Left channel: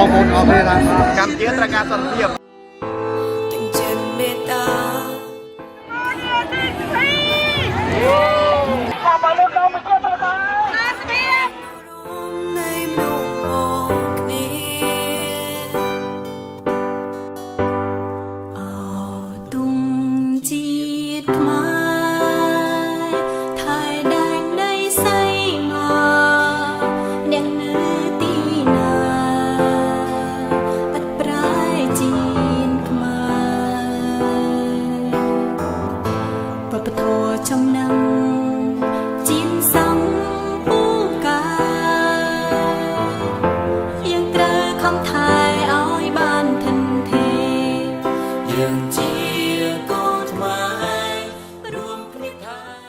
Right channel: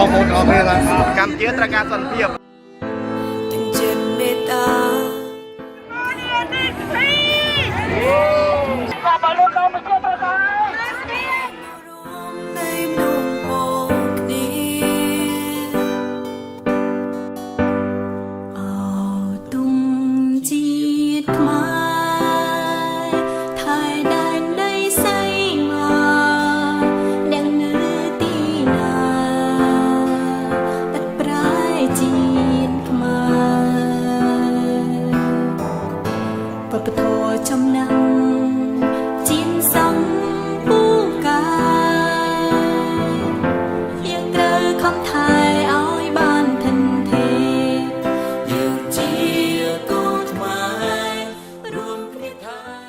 បងប្អូនអរគ្នាថាកម្ពុជាត្រូវការសន្តិភាពទាំងចិត្តមេត្តា ជាតិខ្មែរថៃដែនដីសៃមកអ្នកនៅទីណាឥតប្រែជាតិខ្មែរវប្បធម៌ចំណាំងជាតិសង្